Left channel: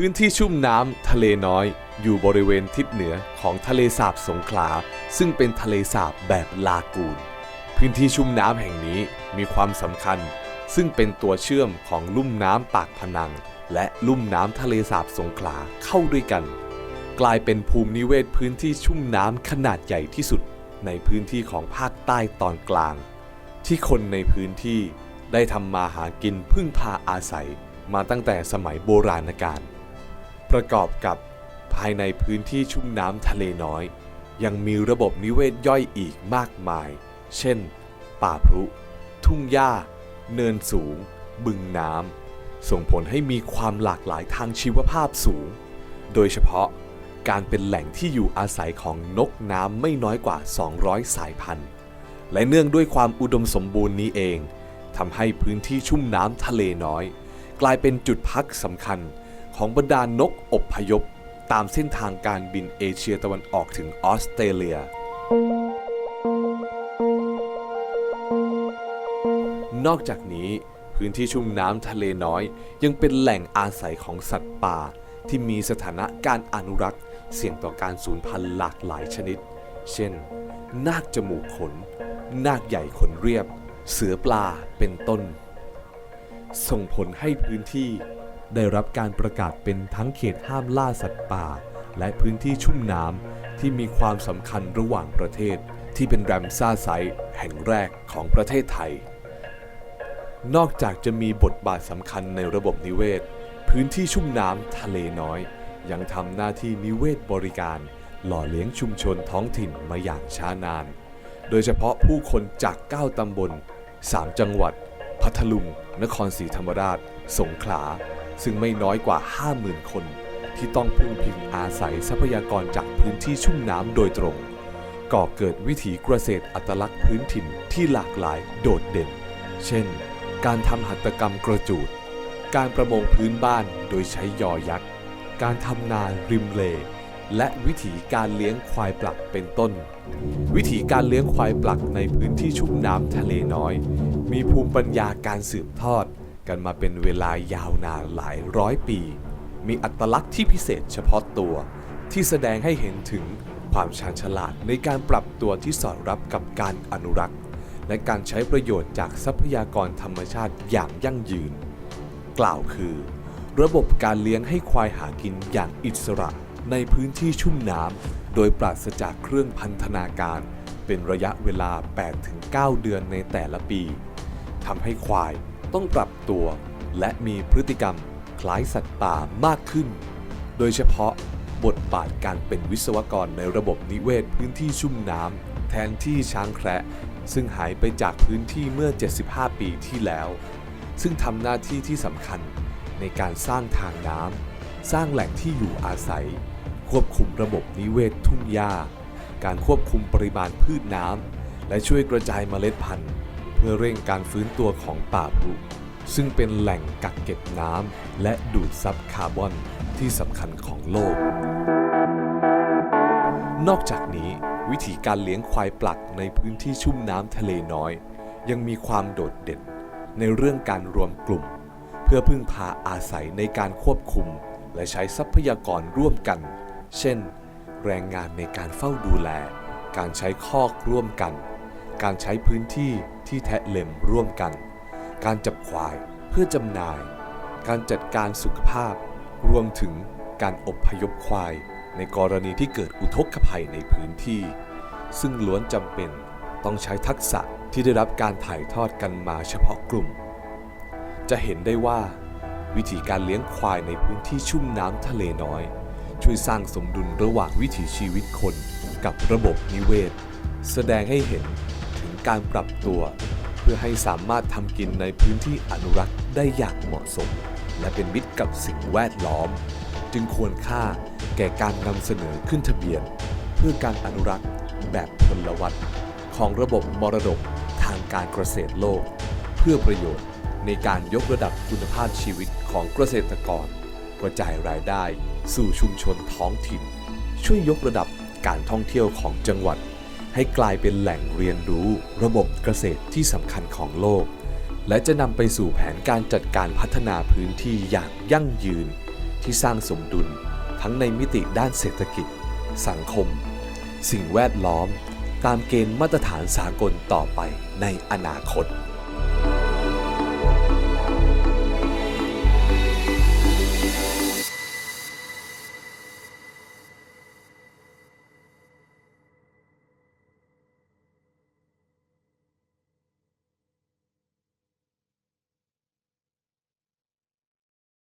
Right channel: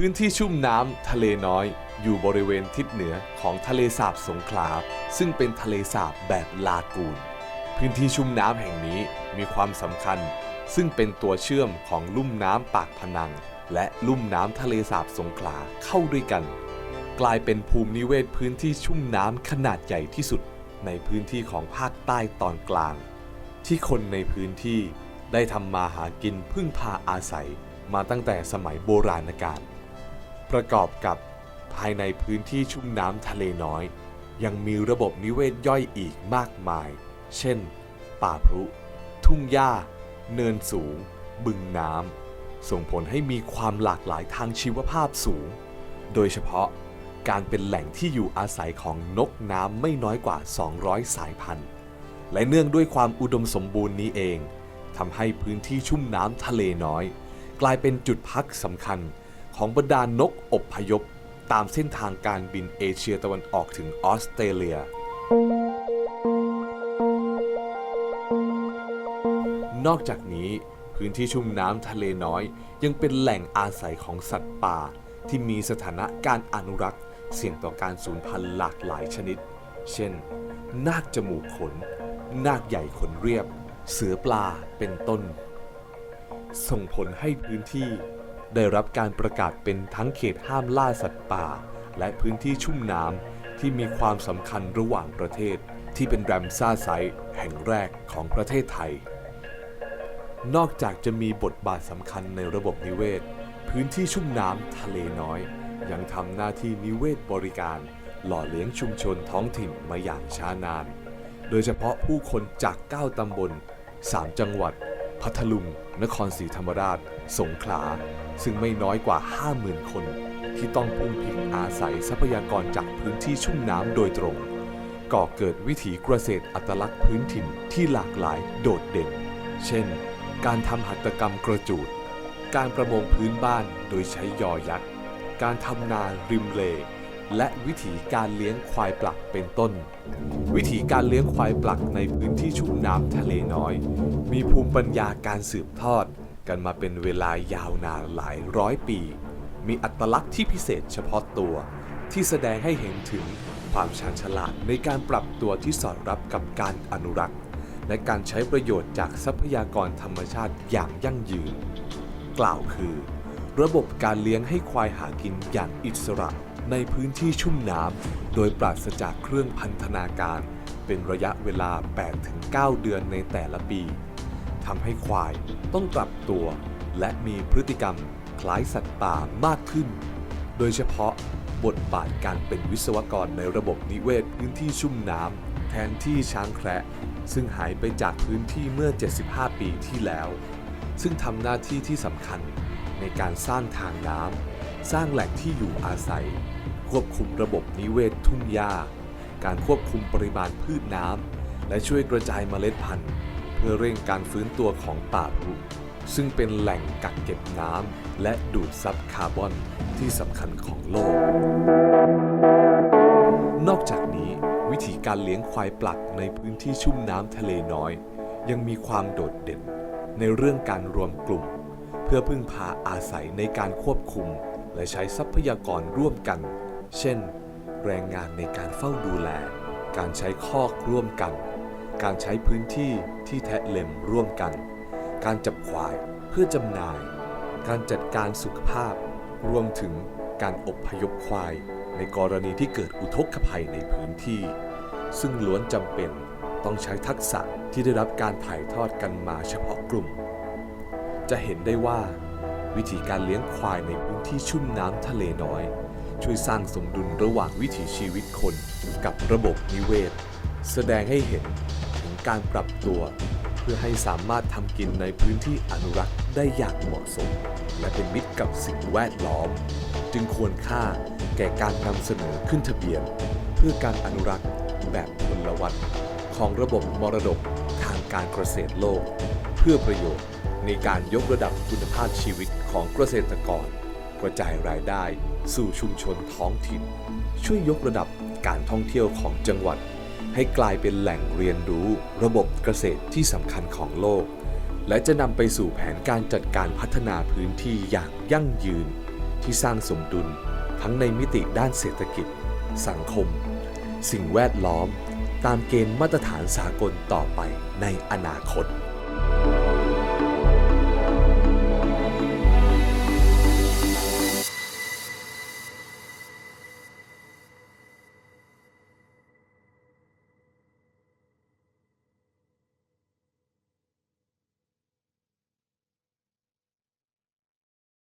พื้นที่ชุ่มน้ำทะเลน้อย อยู่บริเวณทิศเหนือของทะเลสาบสงขลา ซึ่งเป็นทะเลสาบแบบลากูน พื้นที่ชุ่มน้ำแห่งนี้มีความสำคัญ ซึ่งเป็นตัวเชื่อมของลุ่มน้ำปากพนัง และลุ่มน้ำทะเลสาบสงขลาเข้าด้วยกัน กลายเป็นภูมินิเวศพื้นที่ชุ่มน้ำขนาดใหญ่ที่สุด ในพื้นที่ของภาคใต้ตอนกลาง ที่คนในพื้นที่ได้ทำมาหากินพึ่งพาอาศัย มาตั้งแต่สมัยโบราณกาล ประกอบกับภายในพื้นที่ชุ่มน้ำทะเลน้อย ยังมีระบบนิเวศย่อยอีกมากมาย เช่น ป่าพรุ ทุ่งหญ้า เนินสูง บึงน้ำ ส่งผลให้มีความหลากหลายทางชีวภาพสูง โดยเฉพาะการเป็นแหล่งที่อยู่อาศัยของนกน้ำไม่น้อยกว่า 200 สายพันธุ์ และเนื่องด้วยความอุดมสมบูรณ์นี้เองทำให้พื้นที่ชุ่มน้ำทะเลน้อย กลายเป็นจุดพักสำคัญ ของบรรดานกอบพยพ ตามเส้นทางการบินเอเชียตะวันออกถึงออสเตรเลีย นอกจากนี้พื้นที่ชุ่มน้ำทะเลน้อย ยังเป็นแหล่งอาศัยของสัตว์ป่า ที่มีสถานะการอนุรักษ์ เสี่ยงต่อการสูญพันธุ์หลากหลายชนิด เช่น นาคจมูกขน นาคใหญ่ขนเรียบ เสือปลาเป็นต้น ส่งผลให้พื้นที่ ได้รับการประกาศเป็นทั้งเขตห้ามล่าสัตว์ป่า และพื้นที่ชุ่มน้ำที่มีความสำคัญระหว่างประเทศ ที่เป็นแรมซ่าไซต์แห่งแรกของประเทศไทย นอกจากจะมีบทบาทสำคัญในระบบนิเวศ พื้นที่ชุ่มน้ำทะเลน้อย ยังทำหน้าที่นิเวศบริการ หล่อเลี้ยงชุมชนท้องถิ่นมาอย่างช้านาน โดยเฉพาะผู้คนจาก 9ตำบล 3 จังหวัด พัทลุง นครศรีธรรมราช สงขลา ซึ่งไม่น้อยกว่า 50,000 คน ที่ต้องพึ่งพิงอาศัยทรัพยากรจากพื้นที่ชุ่มน้ำโดยตรง ก่อเกิดวิถีเกษตรอัตลักษณ์พื้นถิ่นที่หลากหลายโดดเด่น เช่น การทำหัตถกรรมกระจูด การประมงพื้นบ้านโดยใช้ยอยักษ์ การทำนาริมเล และวิถีการเลี้ยงควายปลักเป็นต้น วิถีการเลี้ยงควายปลักในพื้นที่ชุ่มน้ำทะเลน้อย มีภูมิปัญญาการสืบทอด กันมาเป็นเวลายาวนานหลายร้อยปี มีอัตลักษณ์ที่พิเศษเฉพาะตัว ที่แสดงให้เห็นถึงความชาญฉลาดในการปรับตัวที่สอดรับกับการอนุรักษ์ และการใช้ประโยชน์จากทรัพยากรธรรมชาติอย่างยั่งยืน กล่าวคือ ระบบการเลี้ยงให้ควายหากินอย่างอิสระในพื้นที่ชุ่มน้ำโดยปราศจากเครื่องพันธนาการ เป็นระยะเวลา 8-9 เดือนในแต่ละปี ทำให้ควายต้องปรับตัว และมีพฤติกรรมคล้ายสัตว์ป่ามากขึ้น โดยเฉพาะบทบาทการเป็นวิศวกรในระบบนิเวศพื้นที่ชุ่มน้ำแทนที่ช้างแคระซึ่งหายไปจากพื้นที่เมื่อ 75 ปีที่แล้ว ซึ่งทำหน้าที่ที่สำคัญในการสร้างทางน้ำสร้างแหล่งที่อยู่อาศัย ควบคุมระบบนิเวศทุ่งหญ้า การควบคุมปริมาณพืชน้ำและช่วยกระจายเมล็ดพันธุ์ เพื่อเร่งการฟื้นตัวของป่าพรุซึ่งเป็นแหล่งกักเก็บน้ำและดูดซับคาร์บอนที่สำคัญของโลก นอกจากนี้วิธีการเลี้ยงควายปลักในพื้นที่ชุ่มน้ำทะเลน้อย ยังมีความโดดเด่นในเรื่องการรวมกลุ่ม เพื่อพึ่งพาอาศัยในการควบคุม และใช้ทรัพยากรร่วมกัน เช่น แรงงานในการเฝ้าดูแล การใช้คอกร่วมกัน การใช้พื้นที่ที่แทะเล็มร่วมกัน การจับควายเพื่อจำหน่าย การจัดการสุขภาพ รวมถึงการอบพยพควาย ในกรณีที่เกิดอุทกภัยในพื้นที่ ซึ่งล้วนจำเป็นต้องใช้ทักษะที่ได้รับการถ่ายทอดกันมาเฉพาะกลุ่ม จะเห็นได้ว่าวิธีการเลี้ยงควายในพื้นที่ชุ่มน้ำทะเลน้อย ช่วยสร้างสมดุลระหว่างวิถีชีวิตคนกับระบบนิเวศ แสดงให้เห็น การปรับตัว เพื่อให้สามารถทำกินในพื้นที่อนุรักษ์ได้อย่างเหมาะสม และเป็นมิตรกับสิ่งแวดล้อม จึงควรค่าแก่การนำเสนอขึ้นทะเบียน เพื่อการอนุรักษ์แบบพลวัตของระบบมรดกทางการเกษตรโลก เพื่อประโยชน์ในการยกระดับคุณภาพชีวิตของเกษตรกร กระจายรายได้สู่ชุมชนท้องถิ่น ช่วยยกระดับการท่องเที่ยวของจังหวัด ให้กลายเป็นแหล่งเรียนรู้ระบบเกษตรที่สำคัญของโลก และจะนำไปสู่แผนการจัดการพัฒนาพื้นที่อย่างยั่งยืน ที่สร้างสมดุล ทั้งในมิติด้านเศรษฐกิจ สังคม สิ่งแวดล้อม ตามเกณฑ์มาตรฐานสากลต่อไปในอนาคต